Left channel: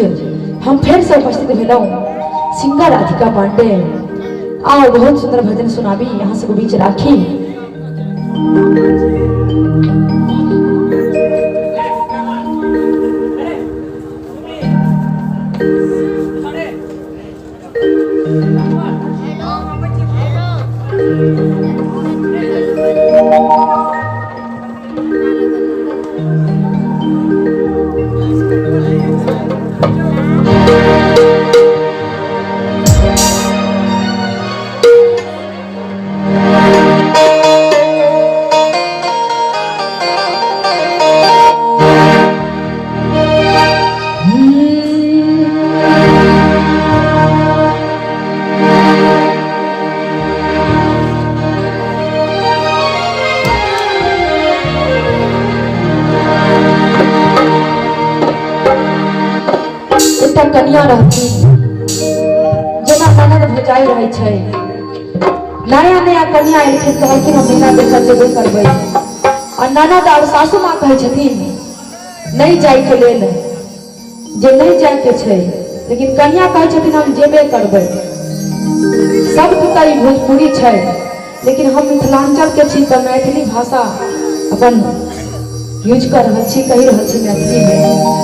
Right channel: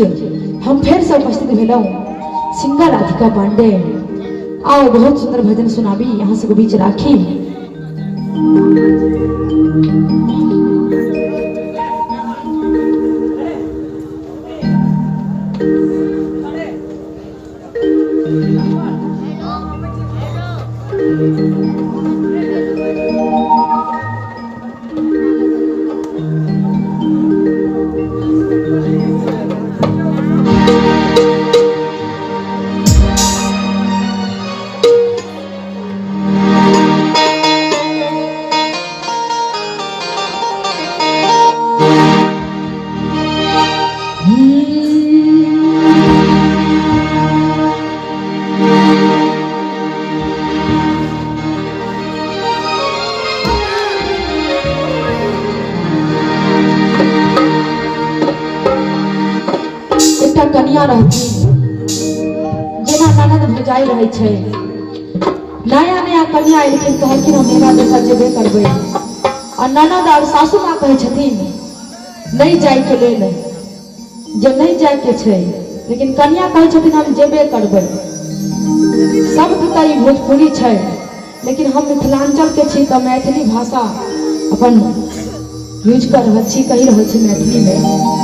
बीच हम फिर से उपस्थित भेलौ सिंगर राधिका पांडे। आओ बहुत सुंदर भजन सुनाबी यहाँ से बीच राखी। कन्या रहती जना ननद भुजाई रहे छै। नया नया कन्या एलखिन कहलखिन हम बिना बेटा जेबे करबै और ननद और सासू माँ कहे छथिन नहीं जाय के लेल जे नहीं जाय के छै, लेकिन कन्या कहे छथिन हम जेबे करबै। सब तो कई भोजपुरी छै, लेकिन हम मिथिलांचल के छी त मैथिली भाषा अपन यूज कर रहल छी, कहि रहल छी मैथिली में।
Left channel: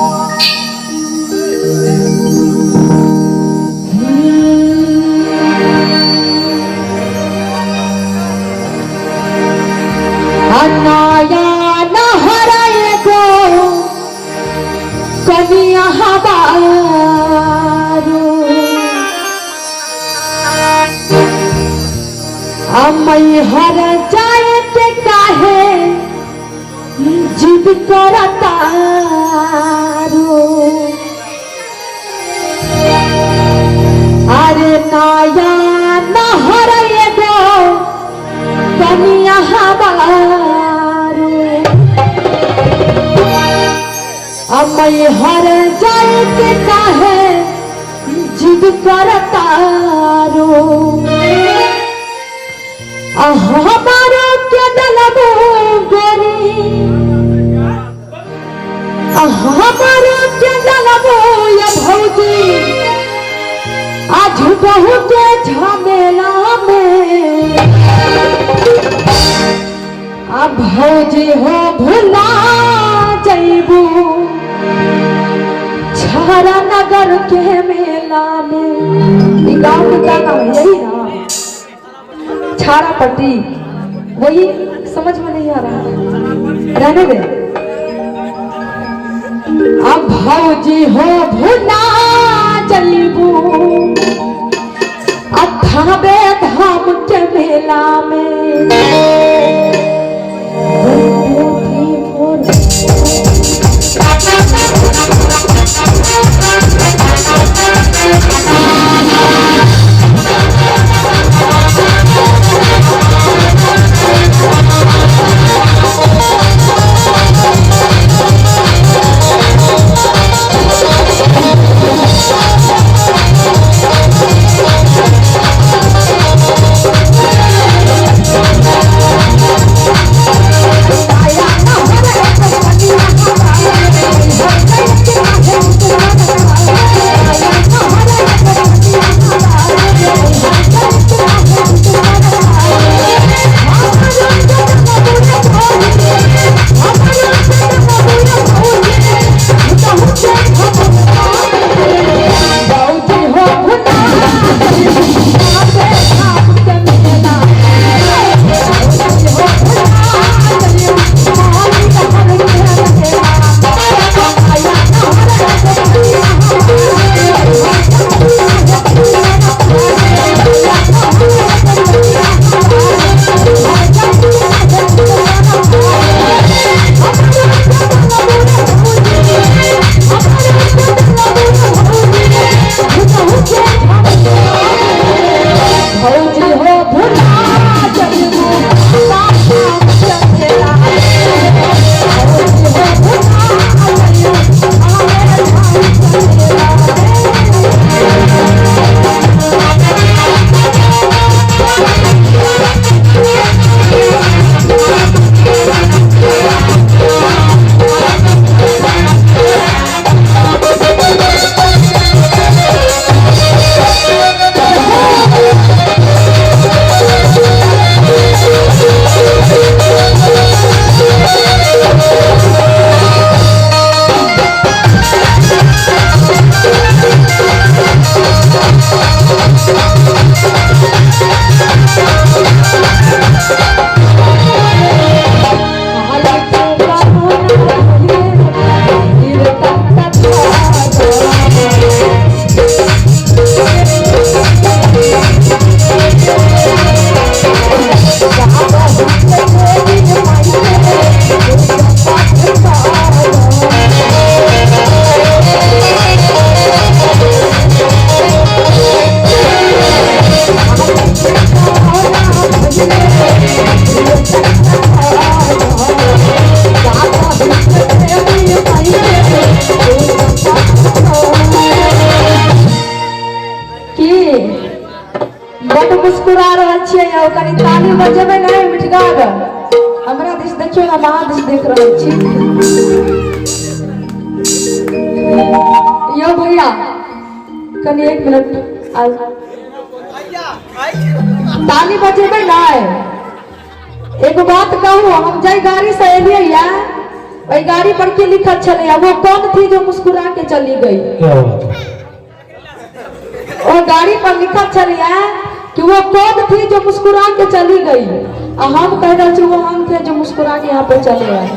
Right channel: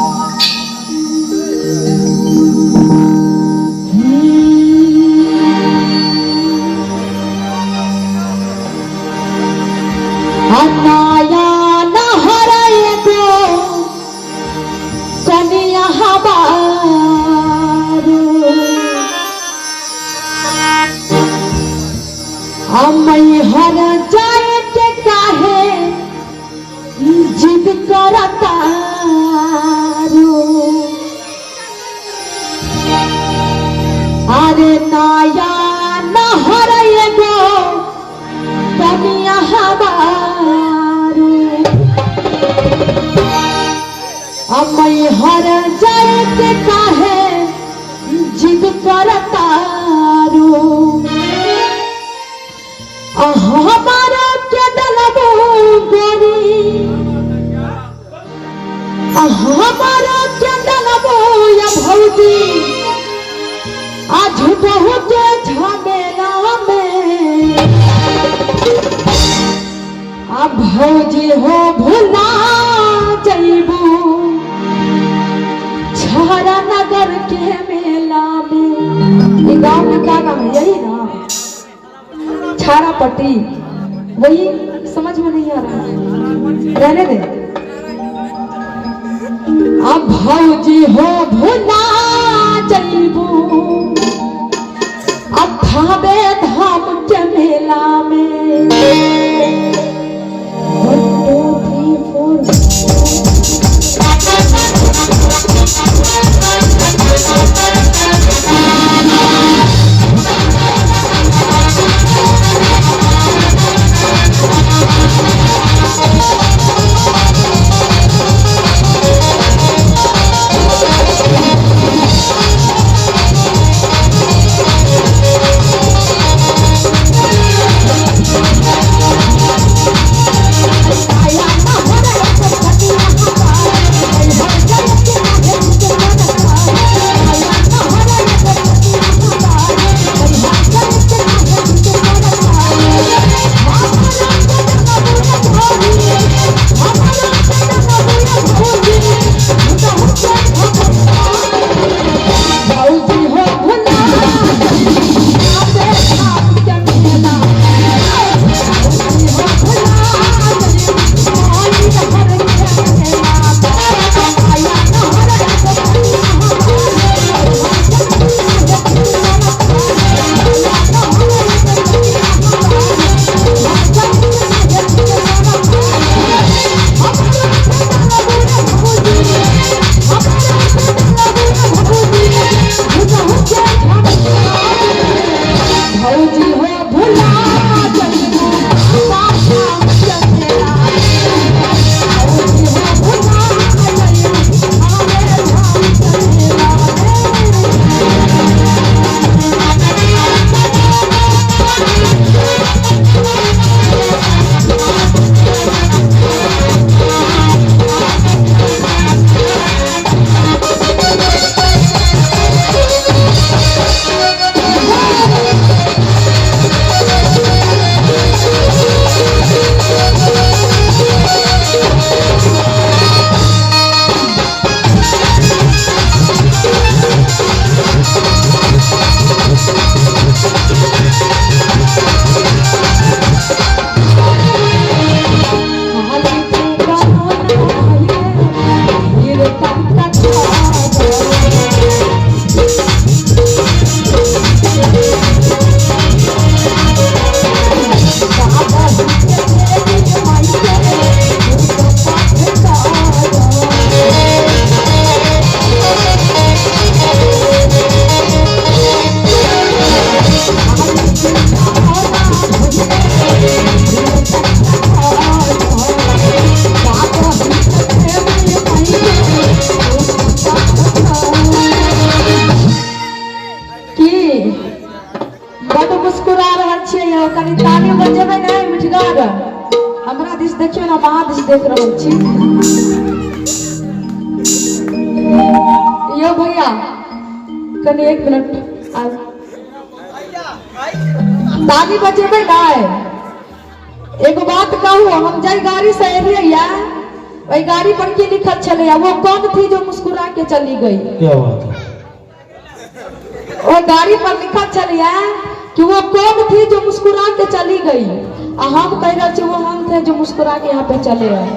हर जायत काहे जिद करता अरे नाया नहर एगो कनिया हबारू अमय हर जायत काहे जिद करता हमारा के डलबो गोरी हमारा के डलबो ये भौजी आज बहुत झमेला में अब भौजी हो भुला जइबू छारा नगर के मेला में। ये गाँव में क्या नाम यही ना छारा पट्टी, वही समझ में नहीं आ रहा, रहने दे। अब भौजी हो भुला जइबू अब धाबे धाम के मेला में। हो कनी ताली बजेबे नहीं मिठगार हमरा दिस देखियो ना बाहर दिस देख रहल छी यो भैया कनी 1 मिनट आ ताली बजेबे नहीं एगो बात कहूं हम जाई गाड़ी से एलिए या वही गाड़ी पर के लिखल चले वो कौन थी जो मुस्कुरा के चली गई क्या बात और गाड़ी पर लिखल चले कि वो कौन थी जो मुस्कुरा के चली गई और हम कह रहे थे वो हम थे जो मुस्कुरा के यहाँ पे चले आए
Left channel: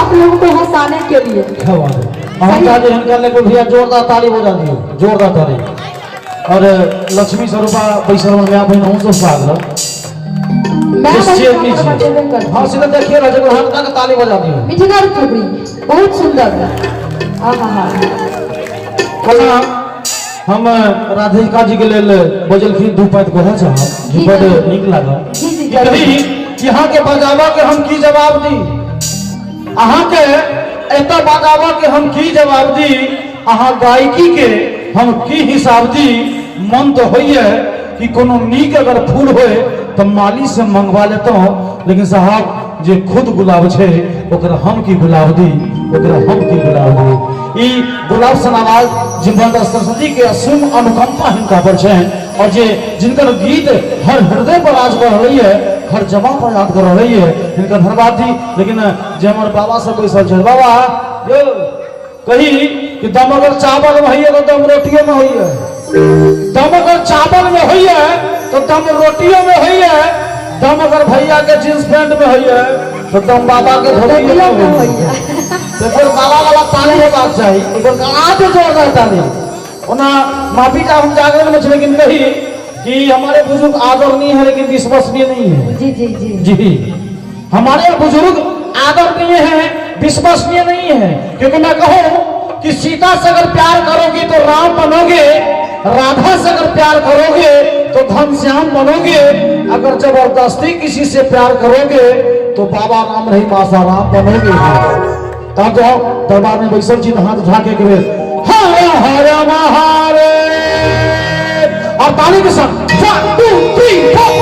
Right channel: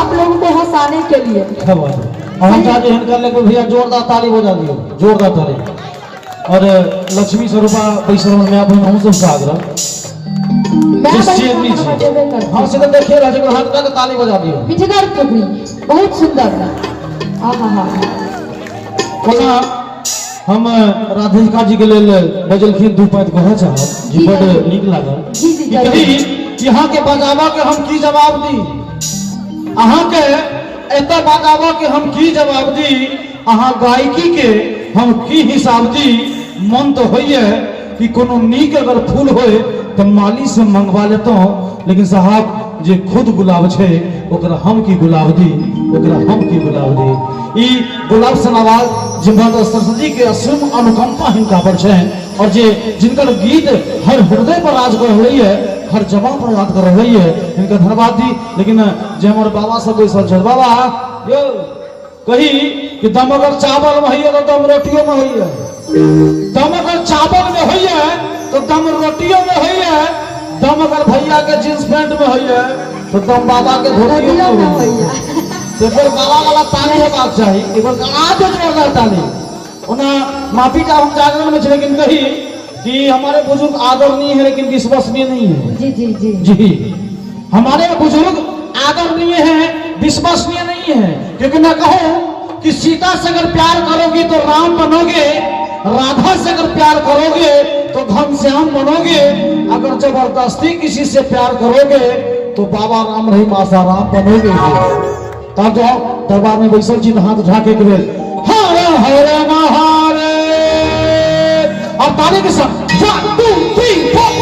आप लोगों को हंसाने के लिए क्या बात है। हम चाहते हैं करने को भैया जोरदार ताली बजा दियो जोरदार ताली और लक्ष्मी स्वरूपा पैसा में आप हम सब स्वागत हाँ सीधे देखिए राजा को हाथ का ताली बजा दियो मिठगार टुकड़ी बहुत सुंदर अच्छा हम राधिका जी के लेल बजलखिन 2 पैत कहे चाह जी बड़ नीक लागल कही यहाँ के बजावा के हम की जवाब दी अहाँ के एत बजावा के हम की जवाब दी अहाँ गायकी के हम की हिसाब दी मन तो होइए कि कोनो नीक अगर फूल होए तो माली से मंगवा लेता हूँ लेकिन साहब जे खुद गुलाब छे ओकरा हम की गुलाब दी ओकरा हम की गुलाब दी ई गुलाब सन आवाज जिम्बल सरस्वती के असुम अनुकंपा हिनका पर छे और जे जिनकर गीत हर हृदय पर आज कर रही है हर जमा पर याद कर रही है इनका धन्यवाद दी लेकिन जे हमर बाबा सब कोई सब बाबा यो कही कि दम अगर चावल में होइए तो दम रोटियों में होइए दम अगर चावल में होइए तो दम रोटियों में होइए दम अगर भैया के जींस पैंट में होइए तो दम बाबा के धोतियों में होइए तो फिर बाबा वाला ताली होबाक चाहिए एक बार गाना तो जोरदार ताली ओना माफी का हम जागरण में लेकिन कही कि हमारे बुजुर्ग आदरणीय है लेकिन विश्वसनीय नहीं है जी जी जी जी हमारे बुजुर्ग आदरणीय है विश्वसनीय नहीं है क्योंकि मैं कहूँ कि सीता से अगर प्यार करोगी तो राम बनोगे राधा से अगर प्यार करोगे तो घनश्याम बनोगे अगर जबरदस्ती किसी से प्यार करोगे तो बाबा राम नहीं मासा राम बनोगे तब जाओ दरबार में बैसल जी हाथ उठा के हरे हरे महारे और ताली के साथ 1 2 3 4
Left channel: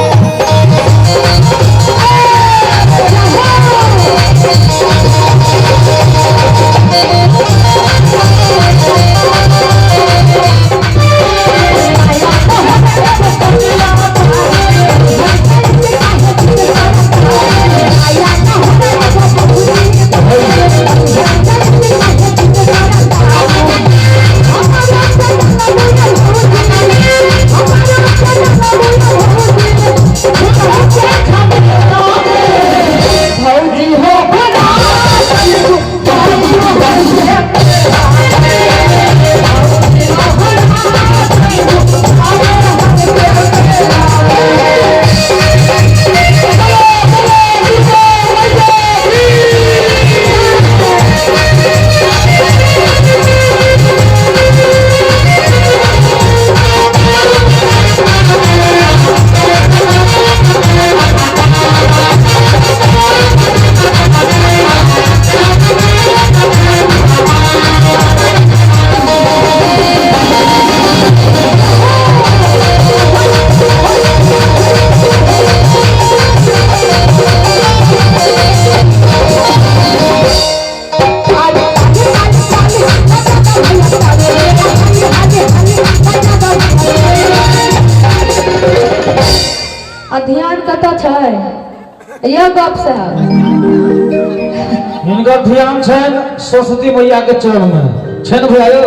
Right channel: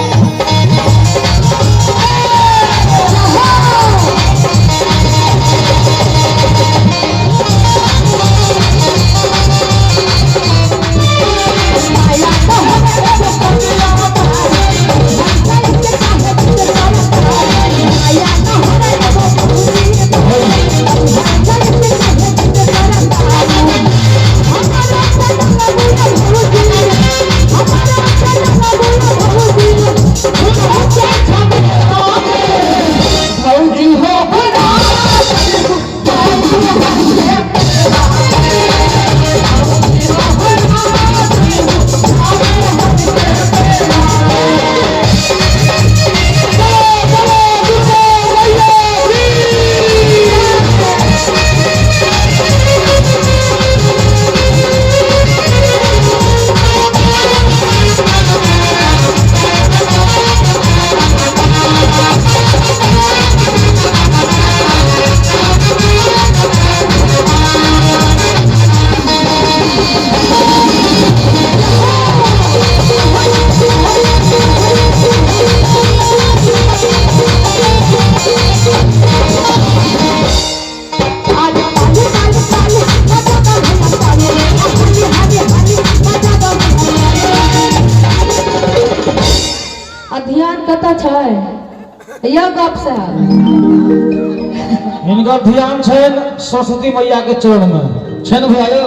इनका ध्यान है सरस्वती मैया के चरण में छन भाइयो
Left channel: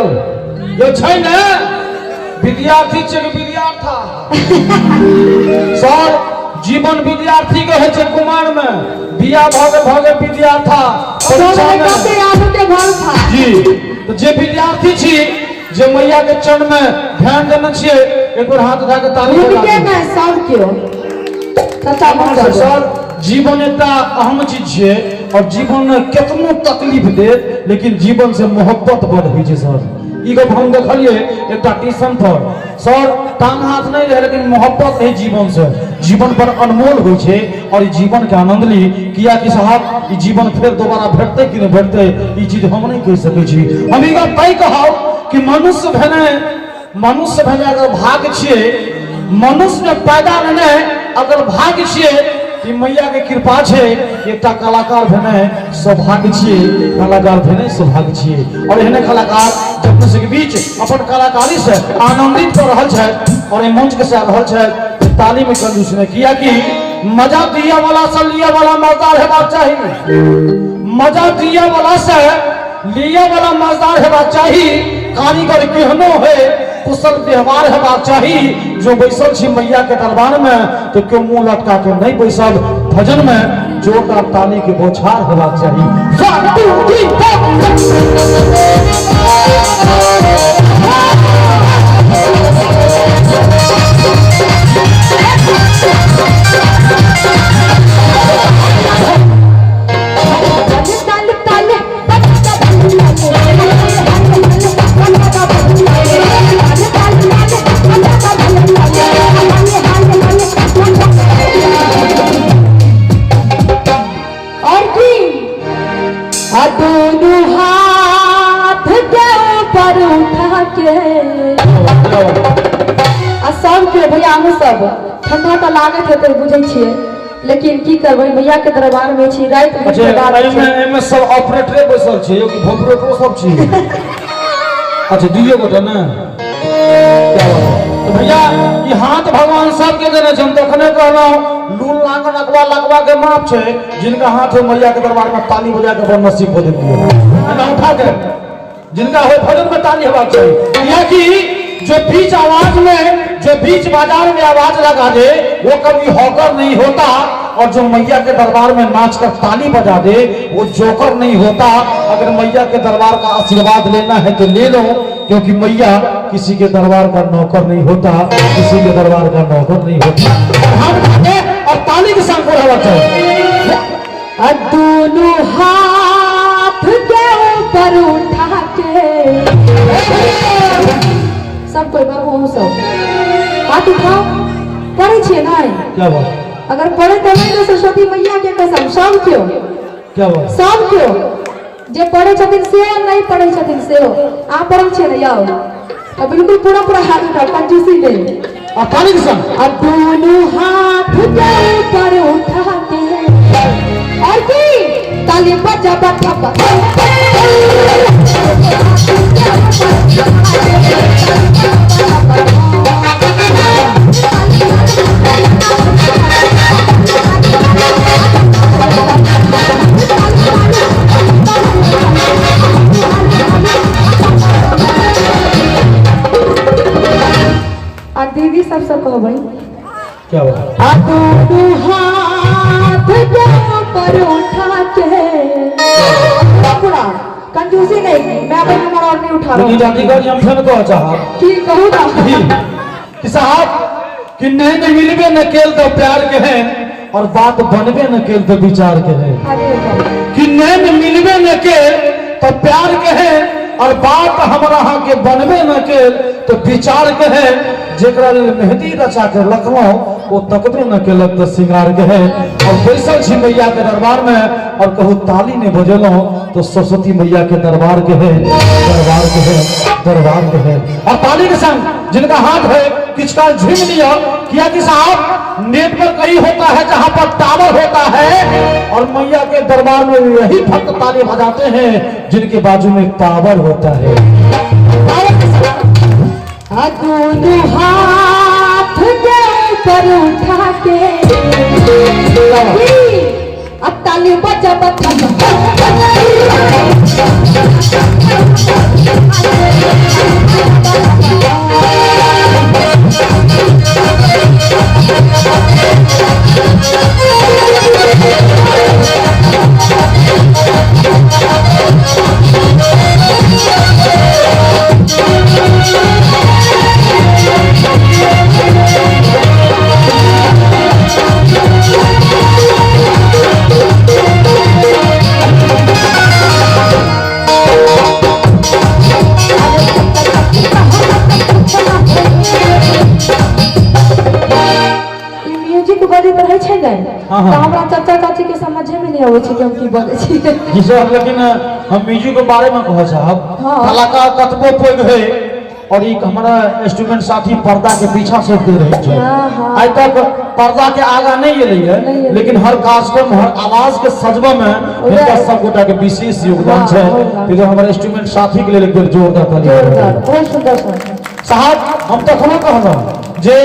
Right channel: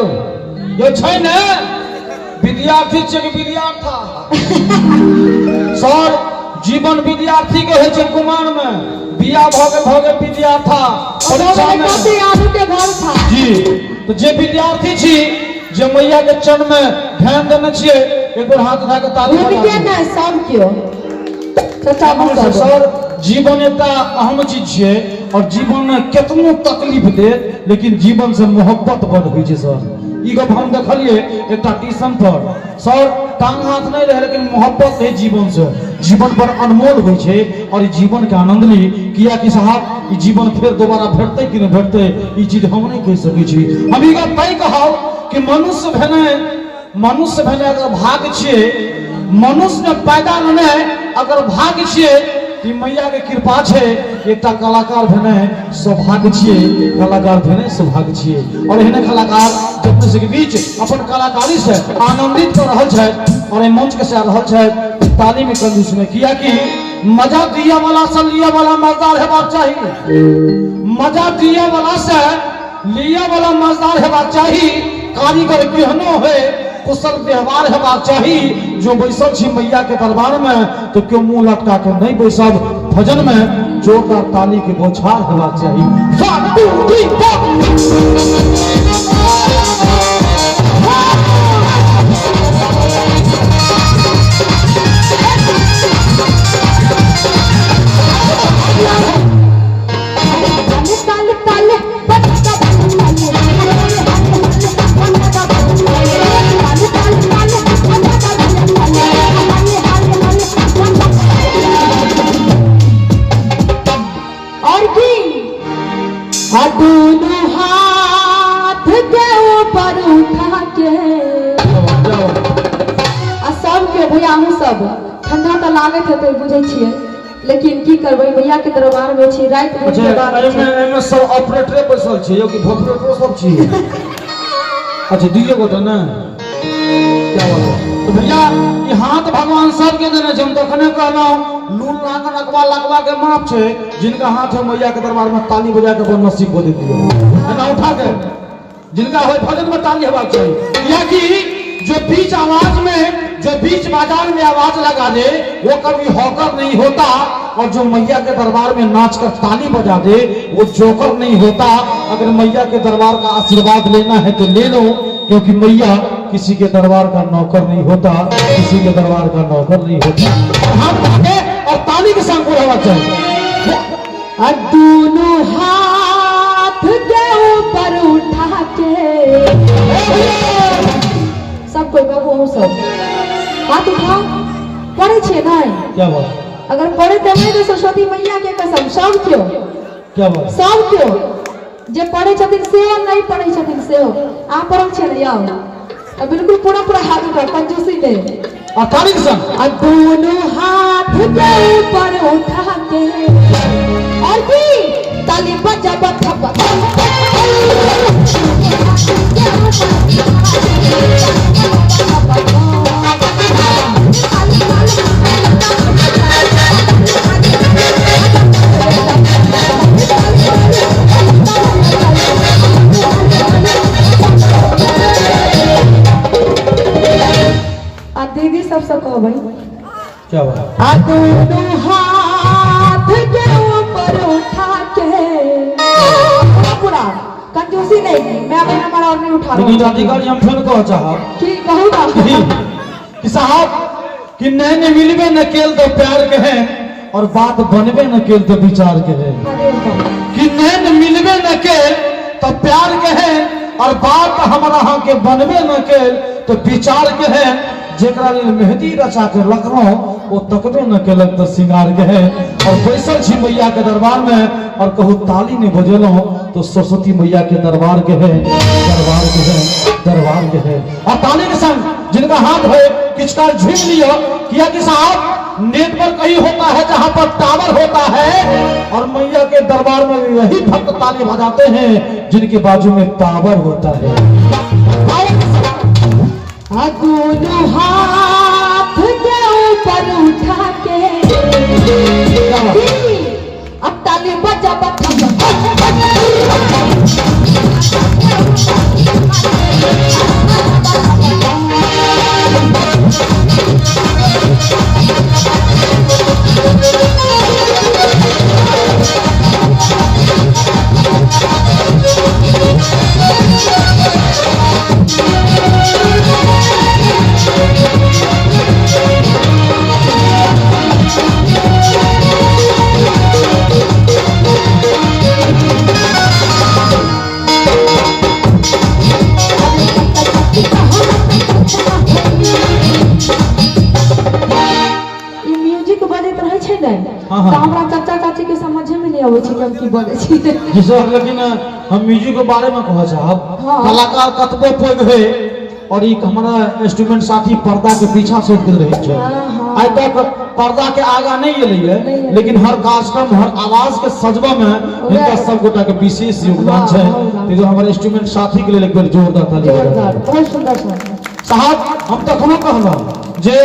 यो छै ने विद्यार्थी छै विद्यार्था सर जीवन विद्यार्थी के है छै कुमार में बिया भगे विद्यार्था जी तो जे विद्यार्थी छी जे मैया के चरण में ध्यान देने छिए एक बार हाथ उठा के ताली बजा सर जीवन एकटा अहम चीज है और जीवन में कितनो तकलीफ दे लेकिन जीवन से मोहब्बत बढ़ हुई है सर ई गप हम देखलिए एकटा ट्यूशन पर सर टांग हाथ नहीं रहे लेकिन मोहब्बत है जीवन से जीवन पर अनमोल हुई है और ई जीवन के आनंद ली किया कि साहब ई जीवन फिर दोबारा भेटते कि नहीं भेटते ई चीज हम नहीं कह सके छी हम ई गप तय कहब कि मनुष्य भेने अगर भाग छे मनुष्य पैदा भेने अगर भाग्य छिए कि मैया के कृपा छे, एकटा कलाकार भेने सौभाग्य छिए, कलाकार भेने सौभाग्य छिए। और एहने कलाकार जब के बीच अपन कलाकारी से आनंदित कर रहल छै और ए मंच के से रहल छै ताली में कंजूस ने किया कि मजा दिया वाला से लिया वाला मजेदार हेबाक चाहिए, मजा दिया वाला से लिया वाला मजेदार हेबाक चाहिए, कारीगर केहनो है कुशल व्यवहार हेबाक चाहिए। जो बैसल छी मैया के दरबार में तो क्यों मुंह लटका के नहीं बैसल, भजन में जोरदार ताली के बौछार हेबाक चाहिए। दोनों हाथ के ऊपर उठा के सबके भैया हम सब ठंडा तो लागत है बुझे छिए, लेकिन की करबै भैया के दरबार में छी रात के बाद में सब ऑपरेटर बैसल छै कि भोपरेटर सब छी। अच्छा दियो गोटे ना तो भैया ये हाथ भगवान सब के देने हम देखने कहलौ लूल लांग नकवा लगवा के माप छै, जिनका हाथ है मैया के दरबार में ताली बजा के अपन नसीब को दे दियो, इनका उठा के जिनका है भजन में ताली हेबाक चाहिए। या कि जो बीच आवाज में जो बीच बाजार में आवाज लगा दे वो कभी हॉकर नहीं होता, और जो मैया के दरबार में नाच कर ताली बजा दे वो जोकर नहीं होता। अगर मैया के दरबार का आशीर्वाद लेना है तो ले लो, क्योंकि मैया किसी के दरबार का नौकर नहीं होता, किसी के दरबार का नौकर नहीं होता। और ताली के साथ पूरा होता है दोनों हाथ के ऊपर उठा के सब कोई बाबू सब हाथ उठाओ, पढ़े छे नहीं क्या बात, अगर पढ़े तो नहीं तो सरस्वती मैया के कसम सब क्यों क्या बात, सब क्यों जे पढ़े छथिन से नहीं पढ़े छथिन से आ पढ़े छे नहीं आओ तो बिल्कुल पूरा पूरा हाथ उठाओ कंजूसी में और ताली के साथ अब दोनों हाथ के ऊपर उठा के ऐसी ताली बजा बजा दीदी सबसे कहबै क्या बात, दोनों हाथ के ऊपर उठा के पूरा कंजूसी नहीं, मैं अपने नंबर और नहीं उठा रहा हूँ। अधिकारी हम फिर कह चाहा ठीक कहूँगा कि साहब कि नहीं मिलबे न केल तो प्यार के हैं और बात बनबे न केल तो विचार के हैं, कि नहीं मिलबे न केल तो प्यार के हैं और बात हमरा के बनबे न केल तो विचार के हैं। जेकरा मेहंदी रचा के रखलो वो तकबे न केलक तो सिंगार के है। और बैसल छी मैया के दरबार में और कहू ताली ने बजेलो तो सरस्वती मैया के दरबार के है, दरबार के है, दरबार के है। और ताली के संग जिनका हाथ है किसका झीम लिया, किया कि साहब नेट पर कहीं होता है जहां पर टावर होता है, और मैया के दरबार में यही भक्त ताली बजाते हैं जिनके बाजू में टावर होता है। दोनों हाथ के ऊपर उठा के अब ताली बजा बजा चाचा चाची के समझे में नहीं आवे छै कि हम की बोले छी। लेकिन हम म्यूजिक के बारे में कहो साहब, कलाकार कतबो पैघ है और एक हमारा स्टूडेंट साथी पर्दा के पीछा से दे रही है। आज तक पर्दा के आगा नहीं गेली है, लेकिन हर कार्यक्रम हर आवाज के सजबा में इनका सब गोटा के विशेष योगदान है। तो हमारे स्टूडेंट साथी के लिए एक बार जोरदार ताली। साहब हम तो खुले कहला जे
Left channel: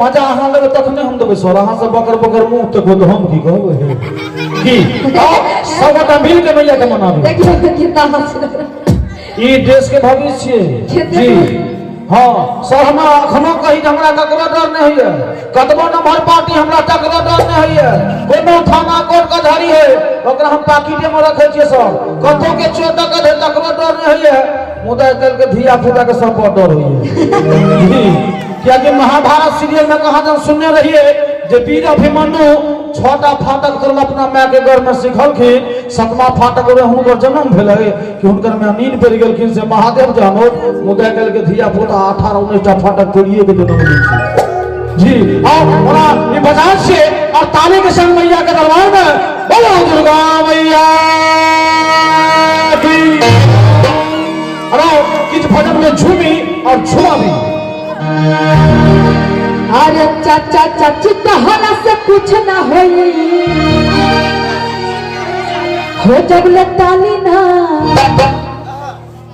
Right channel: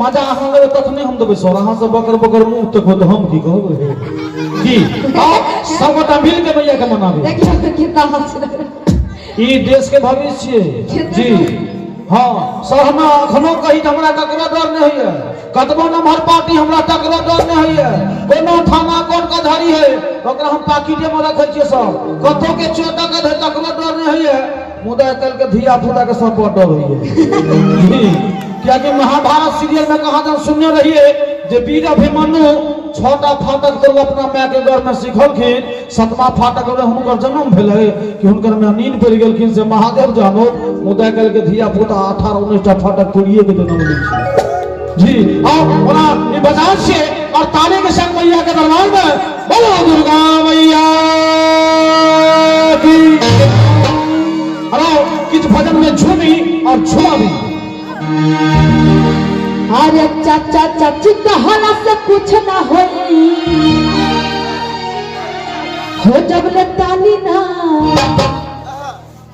मजा अहाँ ले तखने हम देबै सर, अहाँ से बकर बकर मुंह तक तो हम की कहबै की सब गोटा मिल के मैया के मनाबी। देखिए कितना हंस ई देश के भविष्य जी। हाँ सर हम अखनो कही हमरा टकरा डर नहीं है, कतबो नंबर पार्टी हमरा टकरा डर नहीं है, कोनो थाना कोर्ट कचहरी है ओकरा हम पाकिटे में रखे छिए सर, कतो के चोट के टकरा डर नहीं है, मुदा कल के धिया पुता के सब डर होई है। क्या कि महाभारत सीरियल में कहा जब सुनने रहिए जे वीर अभिमन्यु छोटा फाटक कर अपना माय के घर में सिखल के सतमा फाटक रे हुनकर जन्म भेल है कि हुनकर में नींद पड़ गेल कि से महादेव जानो मुदा कल के धिया पुता 18 19 फाटक तोड़िए के जन्म ली जी। और पूरा ये बजाज से और ताली के संग मैया के दरबार में बोलो दुर्गा मैया की। अरे किस भजन में झूमी और झूला भी। अरे चाचा चाची कहना से कुछ ना होई हो जब लताली ना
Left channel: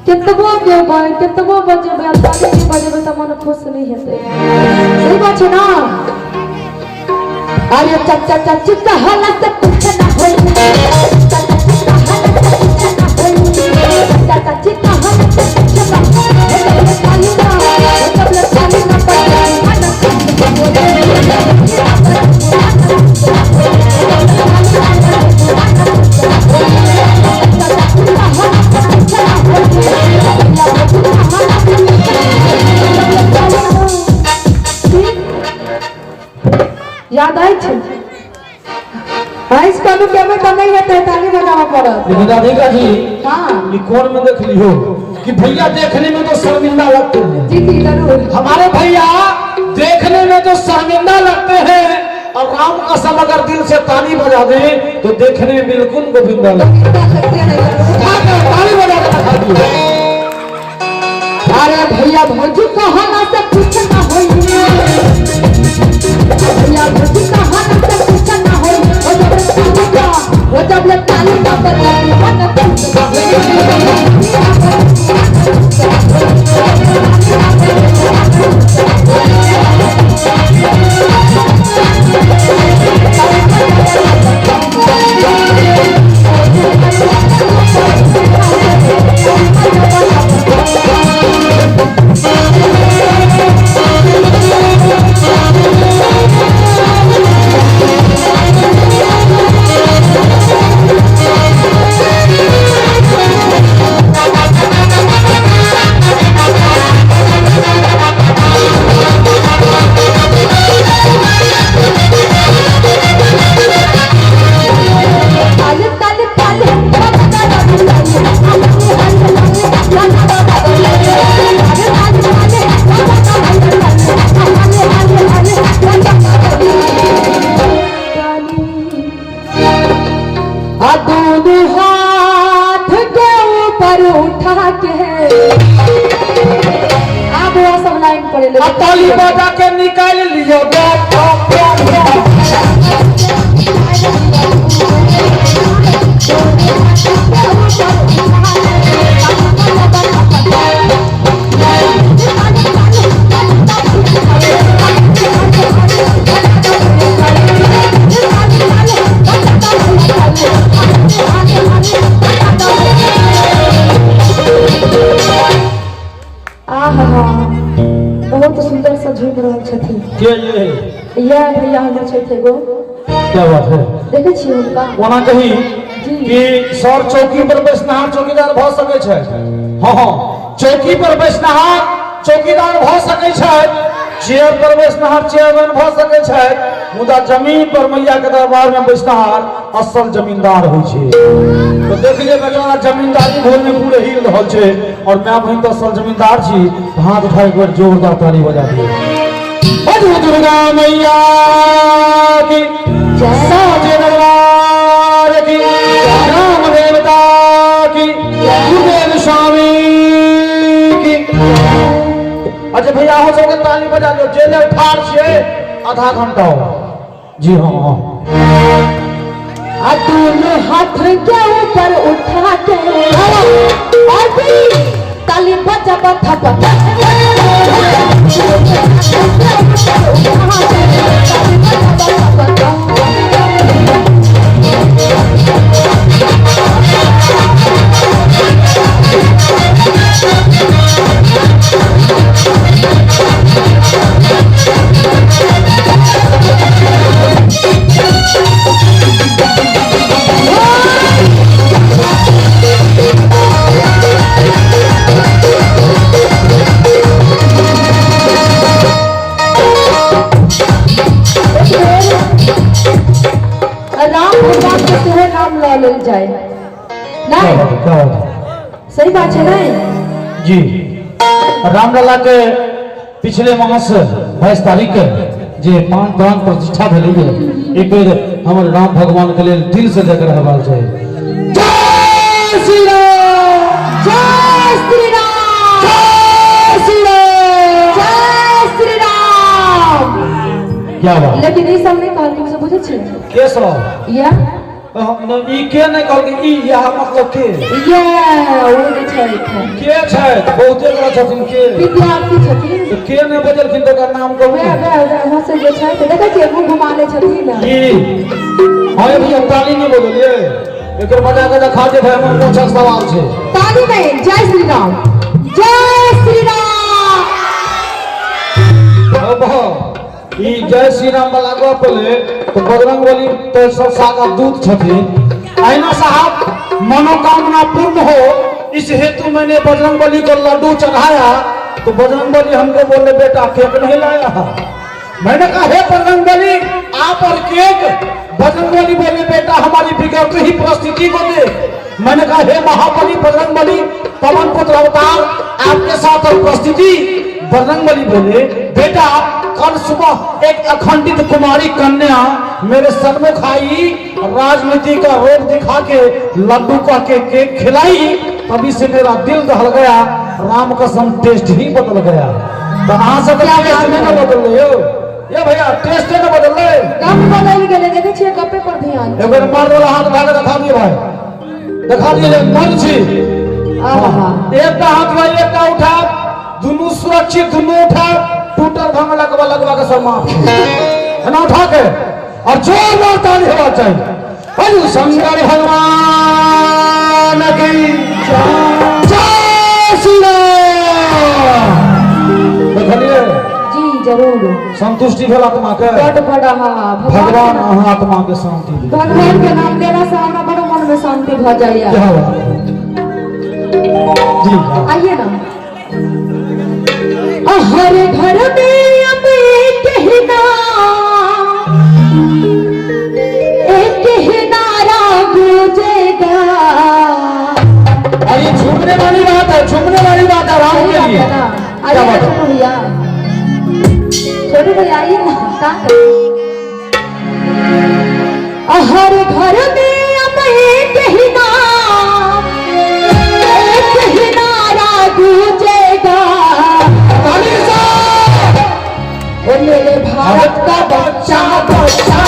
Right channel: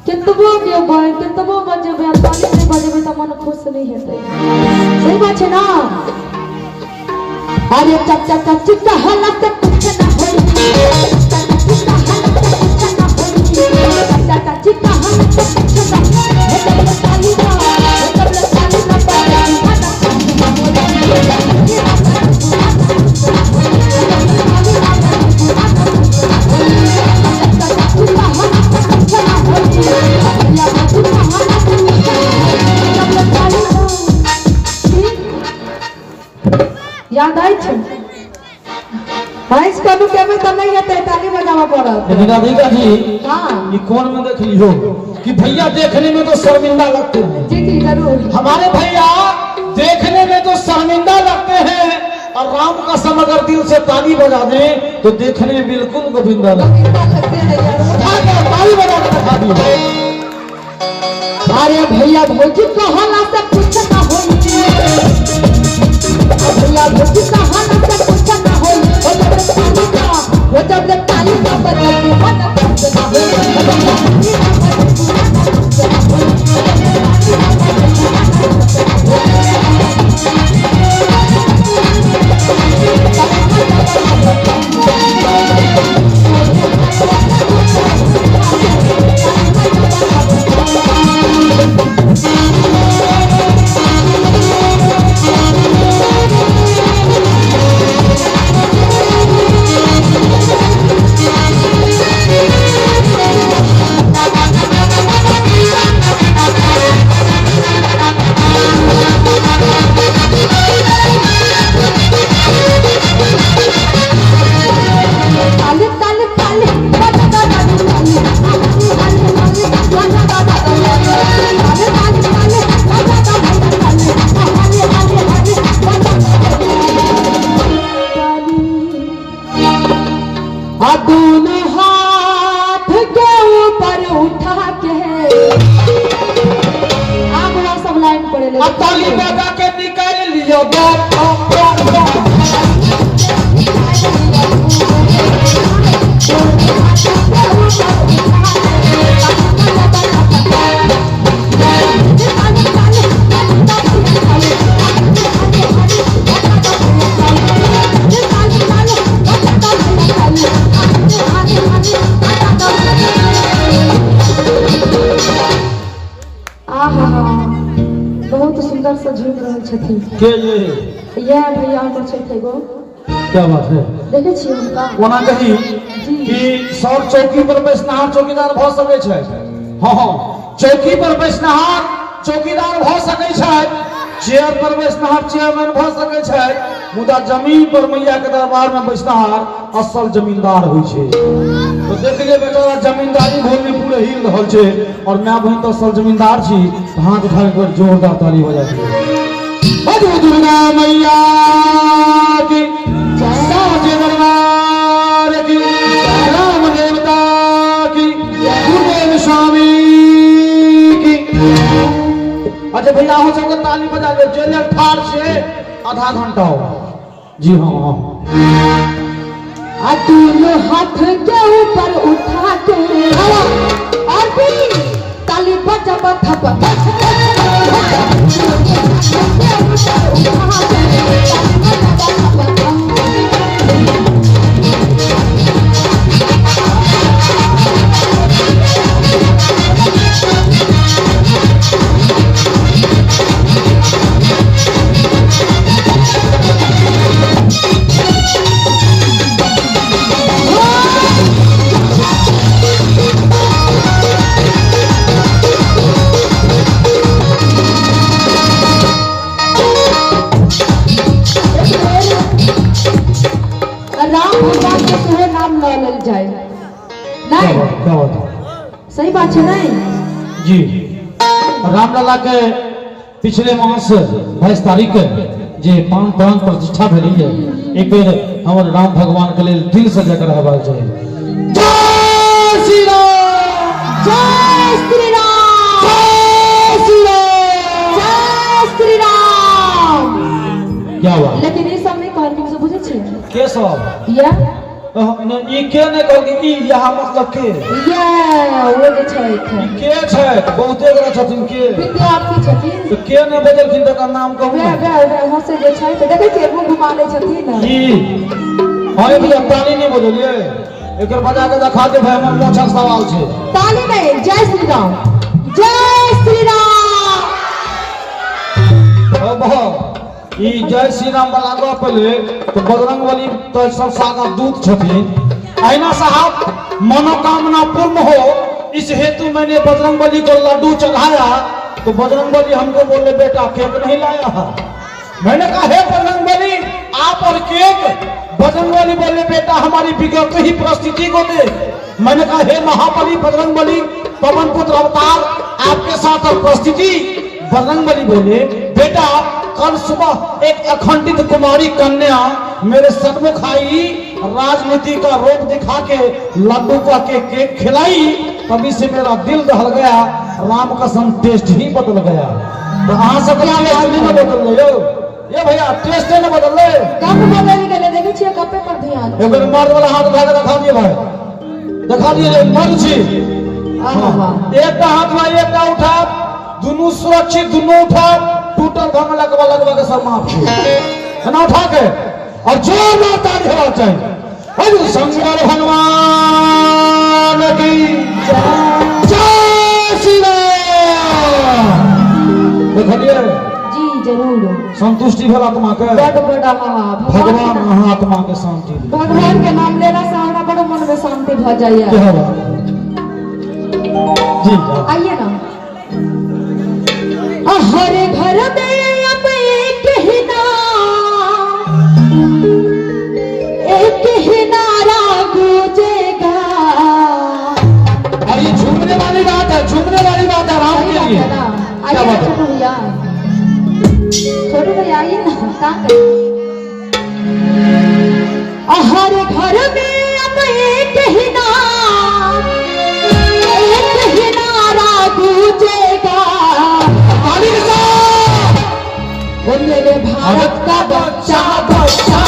कितबो गेबै कितबो बजबै ताली बजबै त मन खुश नहीं हेतै, सही बात छै ना। अरे चाचा चाची कहना से कुछ ना होई, चाचा चाची कहना से कुछ ना होई, ताली ना जब लताली ना याद आई छे आइस का भी केबे त नहीं हेतै ताली बजावा पड़त। लेकिन राधिका जी हां ये कौन में देख लियो कि भैया देखने में तो शर्मिंदा लगते हैं। जी जी जरूर हमारे भैया देखने में तो शर्मिंदा लगते हैं और राम कसम अगर दिल से ताली बजा दें तो देखने में बिल्कुल गोविंदा लगते हैं। ताली बजा के दिखा दियो। अरे भैया भौजी कहना से कुछ ना होई, भैया भौजी कहना से कुछ ना होई, वो जब ले ताली का बजाते मन ताली बजा के निकाल लिया बहुत सुंदर सा झूम रहल छथिन। क्या ये भैया हमर छथि एगो। क्या बात है देखे छियै हुनका कोना कही कि सर चौकी पर बैसनहार चौकीदार भ सकै छै। हां हां चौकी पर बैसनहार चौकीदार भ सकै छै, चेयर पर बैसनहार चेयरमैन भ सकै छै, मुदा जमीन पर मैया के दरबार में बैसनहार असल जमींदार होइ छै। तो देख लियो बेटा जमींदारी भोल में पूरे हिल रहल छै और मैं बहन तो असल जमींदार छी। हाथ उठा के जोरदार ताली बजा दियो। दुर्गा मैया की जय, साजे दरबार की जय, राम देवता की, गुरुदेव स्वामी की। जे भैया हो सके ताली बजा दो, जेले ठाड़ छे आधा घंटा हो। जी हाँ दोनों हाथ के ऊपर उठा के अभी ताली बजा थपा जाए नहीं, सही बात है नहीं जी। रामलला के पिछले मास 22 तारीख के जे प्राण प्रतिष्ठा भेलै, एक बेर हमर राम भगवान के लेल दिल से जकर हवाल जाए। जय श्री राम, जय श्री राम, जय श्री राम, जय श्री राम। क्या बात। लेकिन ये सब नहीं कहल के बुझे छे के सब या ई के ने कहल कि ई या मतलब के या वो जे छै के छै बहुते गोरा छथिन के विद्यार्थी छथिन तो के ने बजलखिन तो कर नाम कहू। वे हो से जे छै देखे छियै मुंह घुमा ले छथिन जी हाय भैया ताली नहीं बजलिए, एकर बजा के दिखा दे भाई, हमर अच्छा सवाल छै। ताली में जय श्री राम, जय श्री राम। अब ई जय श्री राम वाला गो पहले तो बजरंगबली तो संसार का दूत छथिन। आईना साहब मनोकामना पूर्ण हो इस हेतु मैंने बजरंगबली को लड्डू चढ़ाया, तो बजरंगबली हमको बोले बेटा केक नहीं लाया है। मैंने कहा हे बजरंगबली आप और केक। बजरंगबली बोले बेटा हमारी बिगड़ती ही परिस्थिति को दे। मैंने कहा हे महाबली बजरंगबली पवन पुत्र अवतार आपके साथ परिस्थिति। बजरंगबली बोले बेटा कल सुबह एक अखंडित कुमारी कन्या मेरे सन्मुख आई, राजनीति का रोग दिखा के लड्डू का केक खिलाई, तभी से मेरा दिल दहल गया, राम कसम टेस्ट ही बदल गया। तो आ सकता है बदल लियो ये भैया, टेस्ट है ना बदल ले कब बदल गए देखे छियै कपे पर ध्यान। एक बार मार वाला हाथ भाग दिखा दिए भाई, दिखा दिए मन छी। एक हाथ भाई एक उठा, दोनों सुरक्षित, दोनों उठा, टूटल भांग लगवा के सब माफ है ना उठा के, और जोरदार ताली होना चाहिए। हरि शंकर भगवान की जय श्री राम। देखलिए जी जरूर संतुष्टि भेल आत्मा के, बड़ बड़ा भगवान आत्मा के शांति दे। भगवान के नाम लेने से हमरा बड़ा मन में शांति भ जाइए। जी आइए ना। हर घर में अब एक ही नारा गूंजेगा। ये झूमने वाली बात है, झूमने वाली बात है राम के लिए। आइए ना छोटू भैया, छोटू भैया आइए ना। हर घर में अब एक ही नारा गूंजेगा। मेरे भारत का बच्चा बच्चा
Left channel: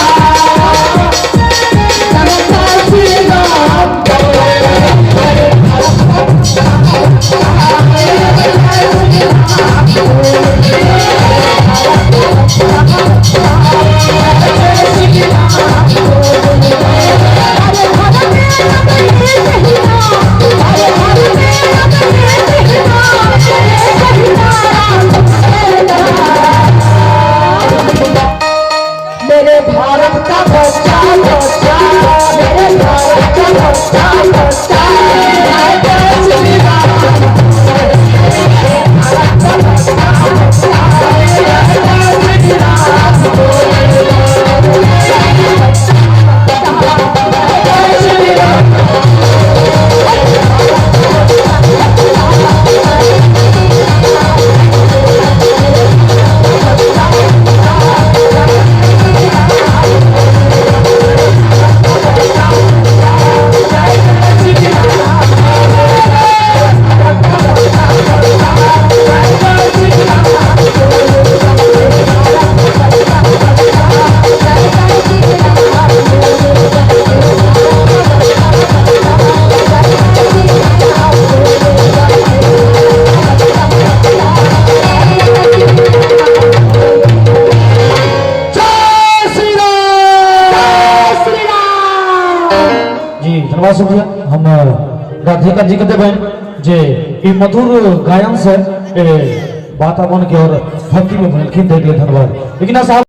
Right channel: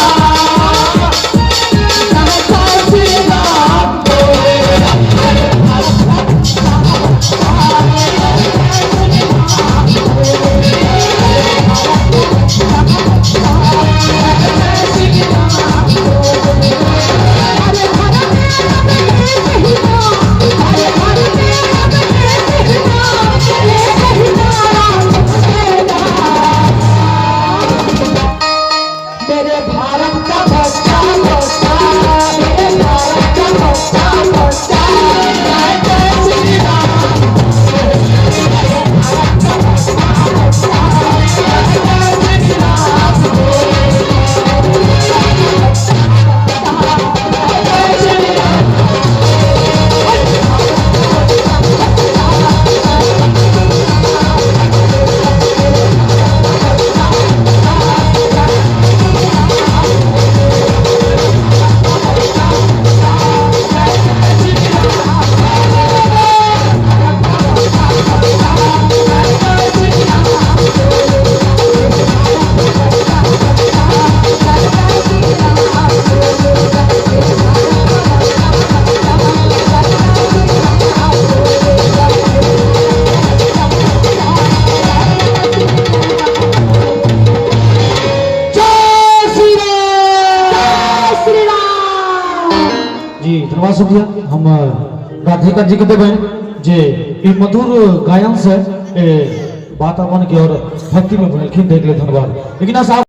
बहुत शुक्रिया हम राधिका जी के देवें जे ई मधुर गायन से वातावरण के और भक्ति में देख ले धन्यवाद। लेकिन साहब